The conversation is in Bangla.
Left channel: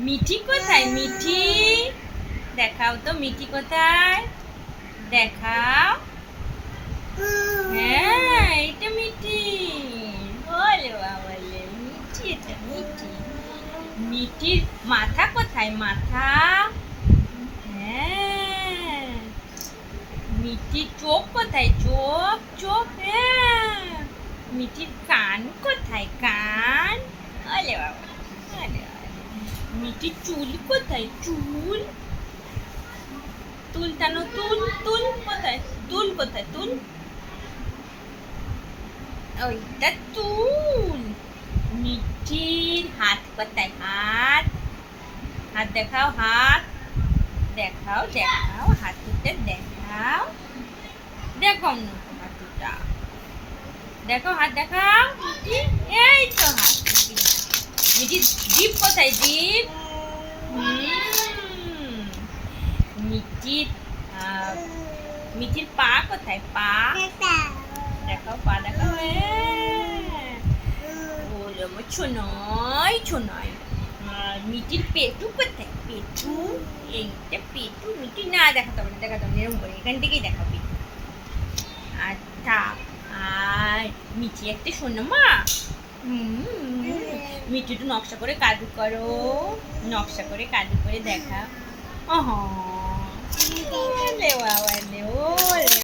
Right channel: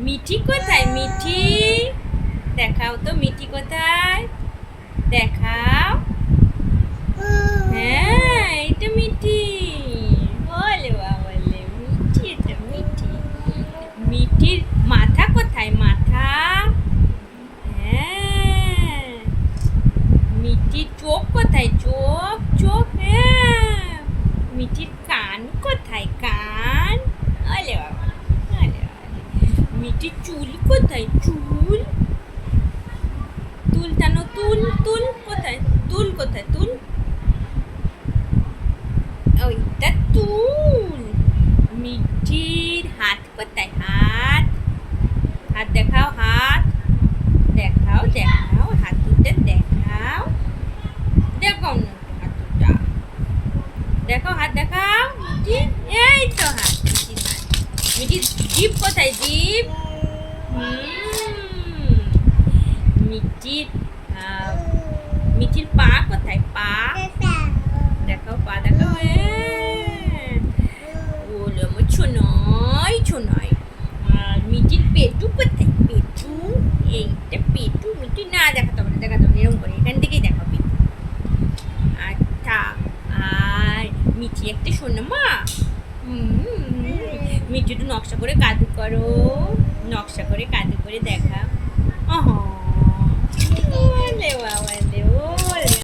মিঠি কোথায়? মিঠি দেখাও তো, মিঠি কোথায়? দেখাও। হ্যাঁ, এটা মিঠি। বলে বাবালে, মিঠি, এটা মিঠি। মিঠির মাথা কোথায়? মাথা। হ্যাঁ। মিঠির চোখ কোথায়? চোখ, চোখ। হ্যাঁ। মিঠির কান কোথায়? কান। আলে বাবা, আলে বাবা। মিঠির চুল কোথায়? চুল। তুল টানো, তুল, তুল কোথায়? তুল কোথায়? তুল। ওইটা তুল। মিঠির হাত কোথায়? হাত। হাত দেখাও, হাত দেখাও, দেখাও, হাত দুটো দেখাও। দেখাও না তো হাত দুটা, দেখো হাত দেখাও মিঠি। এই তো হাত মিঠি। মিঠির জিভ কোথায়? জিভ। মিঠির মিঠির পা কোথায়? পা দেখাও, পা দেখাও। ওলে আমার ছোনাই, ছোনাই। আর মিঠির পেটু কোথায়? পেটু। এইটা পেটু। মিঠি না দেখাতে হবে না, দেখাতে হবে না, এরকম করে এখান থেকেই দেখাবি। আচ্ছা। আর মিঠি একটা সোনামা। মিঠি একটু নকশা করে কাদু করো, নকশা করে কাদু করে দেখা। ওহ, বাবা রে, ওলে